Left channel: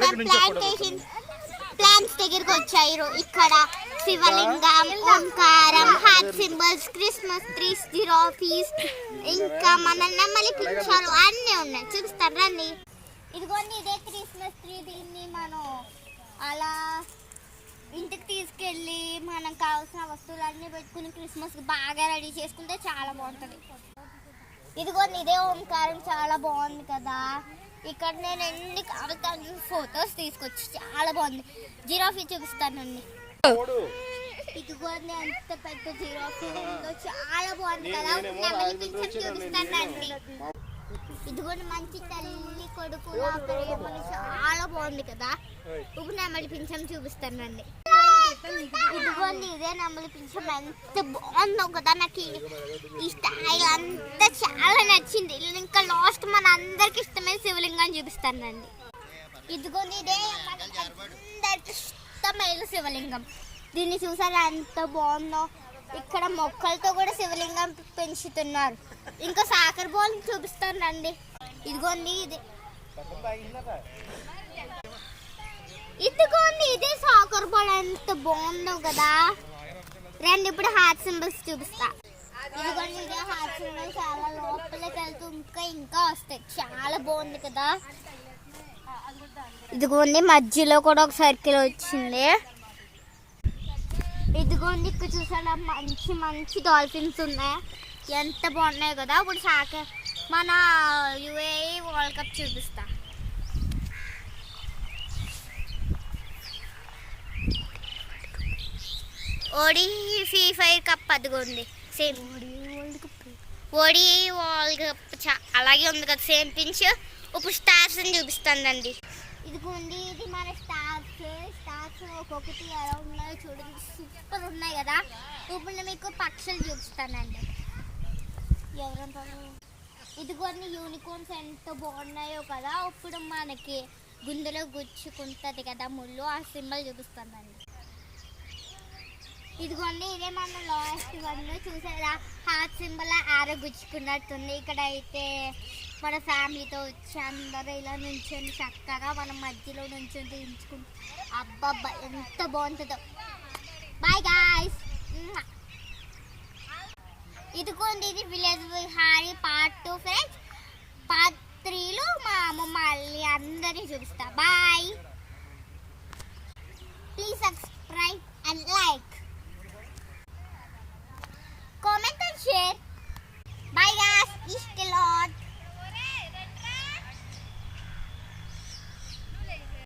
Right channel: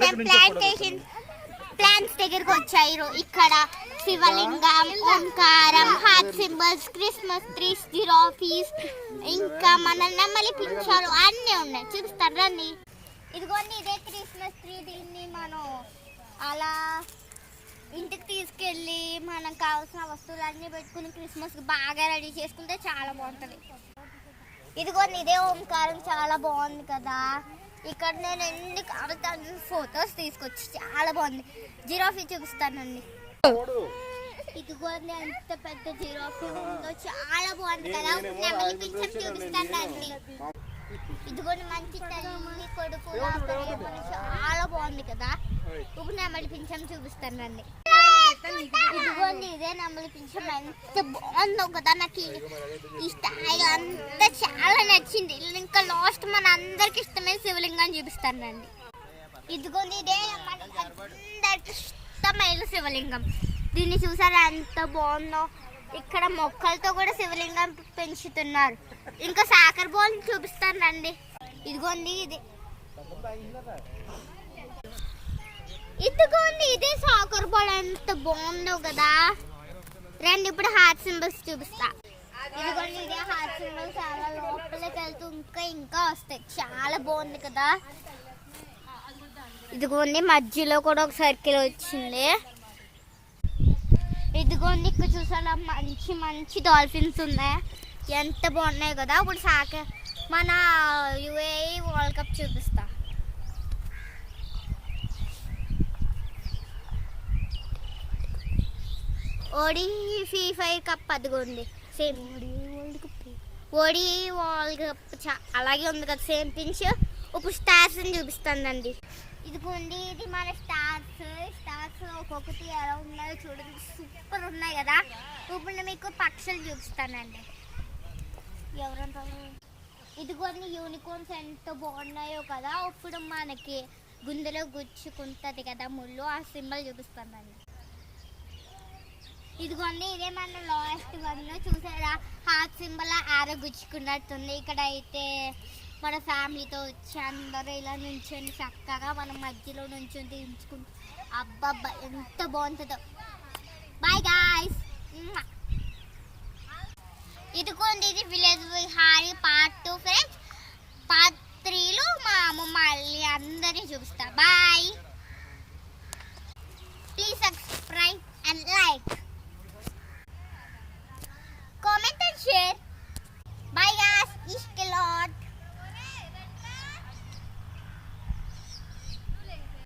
నేను ప్లాంట్స్ దగ్గరికి వచ్చాయి. ఇక్కడ శివలింగం, ఓంకారం, heart symbols, Christmas trees, giraffes, ఇంకా మన నెమలి పింఛాలు అన్నీ ఉన్నాయి. చూపిస్తారు రండి. ఇదిగోండి ఇదే క్రిస్మస్ ట్రీ. దీన్ని మనం అలా ఇంటికి తీసుకెళ్ళి మనం కావాల్సిన వస్తువులన్నీ పెట్టుకుని క్రిస్మస్కి బాగా రెడీ చేసుకుంటే చాలా బాగుంటుంది. ఇదిగోండి ఇదే ఓంకారం, చాలా బాగుంది కదా. ఇక్కడ నేను ఎన్ని కావాలి ఫొటోస్ తీసుకొచ్చి చాలా బాగుంది. జిరాఫీ చూపిస్తానండి. ఇదిగోండి ఎంత పెద్ద జిరాఫీ ఉందో, చాలా బాగుంది కదా. నెమలి పింఛం చూపిస్తానండి. ఇదిగోండి మంచి తల్లి కొడుకు చాలా బాగుంది కదా. ఇప్పుడు నెమలి పింఛం చూపిస్తానండి. ఇదిగోండి ఇదే నెమలి పింఛం, ఎంత బాగుందో కదా. నాకు ఈ స్టైల్ అంతా చాలా నచ్చింది. ఇంకా లాస్ట్ మన అందరికి ఇష్టమైన శివలింగాన్ని చూపిస్తానండి. ఇదిగోండి ఇదే అందరికి ఇష్టమైన శివలింగం. దీన్ని చూసారా ఎంత బాగుందో. ఇక్కడ మొక్కలతో కూడా శివలింగం పెంచుతున్నారు. ఇంకా సాకర్ బాల్ చూపిస్తానండి. ఇదిగోండి ఇదిగోండి ఇదే సాకర్ బాల్, ఎంత బాగుందో కదా. రండి ఇప్పుడు హార్ట్ సింబల్స్ చూపిస్తా. ఇదిగోండి ఇదే హార్ట్ సింబల్స్, చాలా లోపలికి వెళ్తూ ఇంకా వస్తాయి. చాలా బాగుంది కదా. ఇదిగోండి మధ్యలో కూడా ఒక సర్కిల్ వచ్చింది. ఇదిగోండి ఇక్కడ చూసారా మంచి మంచి డాల్ఫిన్స్ ఉన్నాయి, ఎంత బాగున్నాయి కదా. ఇప్పుడు మన యుఏఈ వరల్డ్ కప్ చూపిస్తా. ఓడిఐ కప్ అదిగోండి సేమ్ ఓడిఐ వరల్డ్ కప్ అలాగే ఉంది కదా, సేమ్ పించ్. ఇప్పుడు స్టార్స్ అని చూపిస్తానండి. ఇదిగోండి ఇది మన స్టార్స్ ఒక్కొక్కటి ఎలా ఉన్నాయో చూడండి, సూపర్ ఉన్నాయి కదా. ఇప్పుడు నేను మీకు పక్షులు చూపిస్తానండి. ఎవరంటారు? ఇదిగోండి యూనికార్న్స్ ఎంత బాగున్నాయో కదా. ఇప్పుడు మనకి గుండెలో గుచ్చుకుంటుంది కదా ముళ్ళు, ఆ సింబల్ చూపిస్తానండి. ఇదిగోండి ఇదే మన లాస్ట్ వన్, చూసారా హార్ట్ సింబల్ ఆరో గుచ్చుకున్నట్టుంది. ఇక్కడ అయితే మన ఫ్యామిలీతో వచ్చి అందరూ ఇలా నుంచొని చక్కగా మనం మధ్యలో నుంచొని తీయించుకుంటాం. అబ్బబ్బా ఎంత బాగుంటుందో. Bye guys. ఇదిగోండి ఇది village Vihari part 2 friends. Part 3లో మా అమ్మమ్మ మళ్ళీ అందరినీ చూపిస్తా. Bye. Please subscribe and like.